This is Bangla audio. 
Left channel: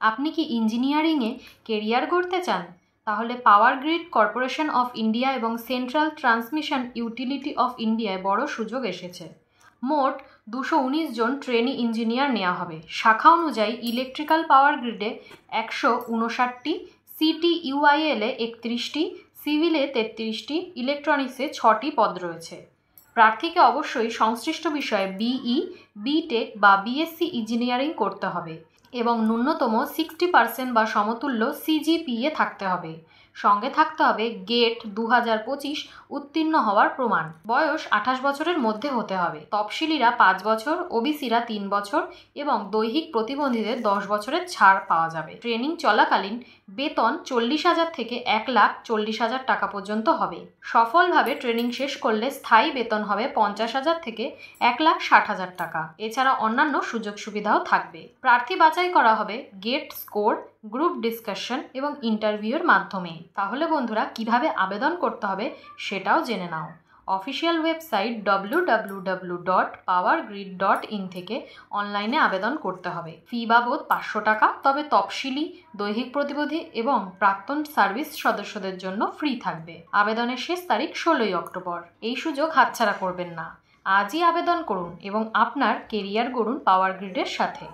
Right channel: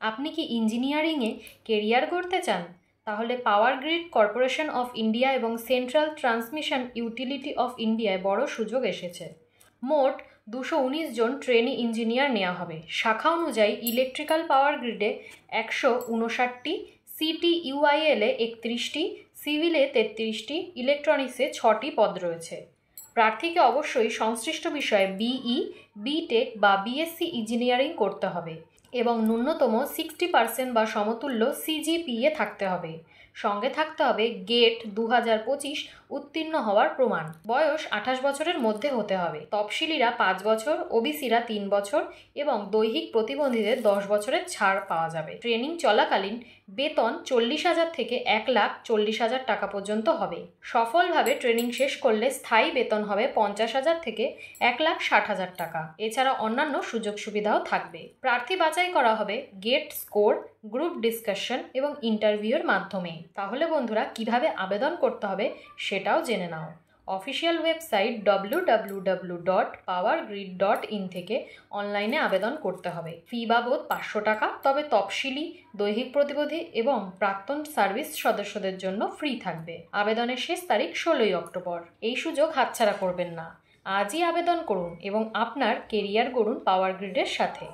আপনি কি ইঞ্জিনিয়ারিংয়ে কেরিয়ার গড়তে চান? তাহলে power grid corporation of India এবং সেন্ট্রাল ট্রান্সমিশন ইউটিলিটি অফ ইন্ডিয়ায় বড় সুযোগ এসেছে। মোট 219 জন ট্রেনি ইঞ্জিনিয়ার নেওয়া হবে। শাখা অনুযায়ী ইলেকট্রিক্যাল পাওয়ার গ্রিডে 159টি, CTUIL-এ 31টি, সিভিলে 33টি, ইলেকট্রনিক্সে 6টি পদ রয়েছে। প্রার্থীকে অবশ্যই সংশ্লিষ্ট বিষয়ে BE, BTech বা BSc ইঞ্জিনিয়ারিং করতে হবে এবং ন্যূনতম 60% বা সমতুল্য CGPA থাকতে হবে। সঙ্গে থাকতে হবে গেট 2025 উত্তীর্ণ হওয়ার প্রমাণ। বয়স 28 বছরের মধ্যে হতে হবে। তফসিলিরা 5 বছর, ওবিসিরা 3 বছর এবং দৈহিক প্রতিবন্ধীদের 10 বছরের ছাড় পাওয়া যাবে। ট্রেনিং চলাকালীন বেতন 40,000 থেকে 1,40,000 টাকা পর্যন্ত হবে। সফলভাবে ট্রেনিং শেষ করলে স্থায়ী বেতন হবে 50,000 থেকে 1,60,000 টাকা। এছাড়া অন্যান্য সুযোগ সুবিধাও থাকবে। প্রার্থী বাছাই করা হবে গেট স্কোর, গ্রুপ ডিসকাশন এবং ইন্টারভিউর মাধ্যমে। তাহলে বন্ধুরা, কিভাবে আবেদন করতে হবে সেটাও জেনে নাও। অফিসিয়াল ওয়েবসাইট www.powergrid.in থেকে অনলাইনে আবেদন করতে হবে। ফি বাবদ 500 টাকা, তবে তফসিলি, দৈহিক প্রতিবন্ধী এবং প্রাক্তন সার্ভিস সদস্যদের জন্য ফ্রি থাকবে। আবেদনের শেষ তারিখ 16ই অক্টোবর। এই সুযোগ হাতছাড়া করবেন না। আজই আবেদন করুন এবং আপনার কেরিয়ার গড়ুন পাওয়ার গ্রিডের সাথে।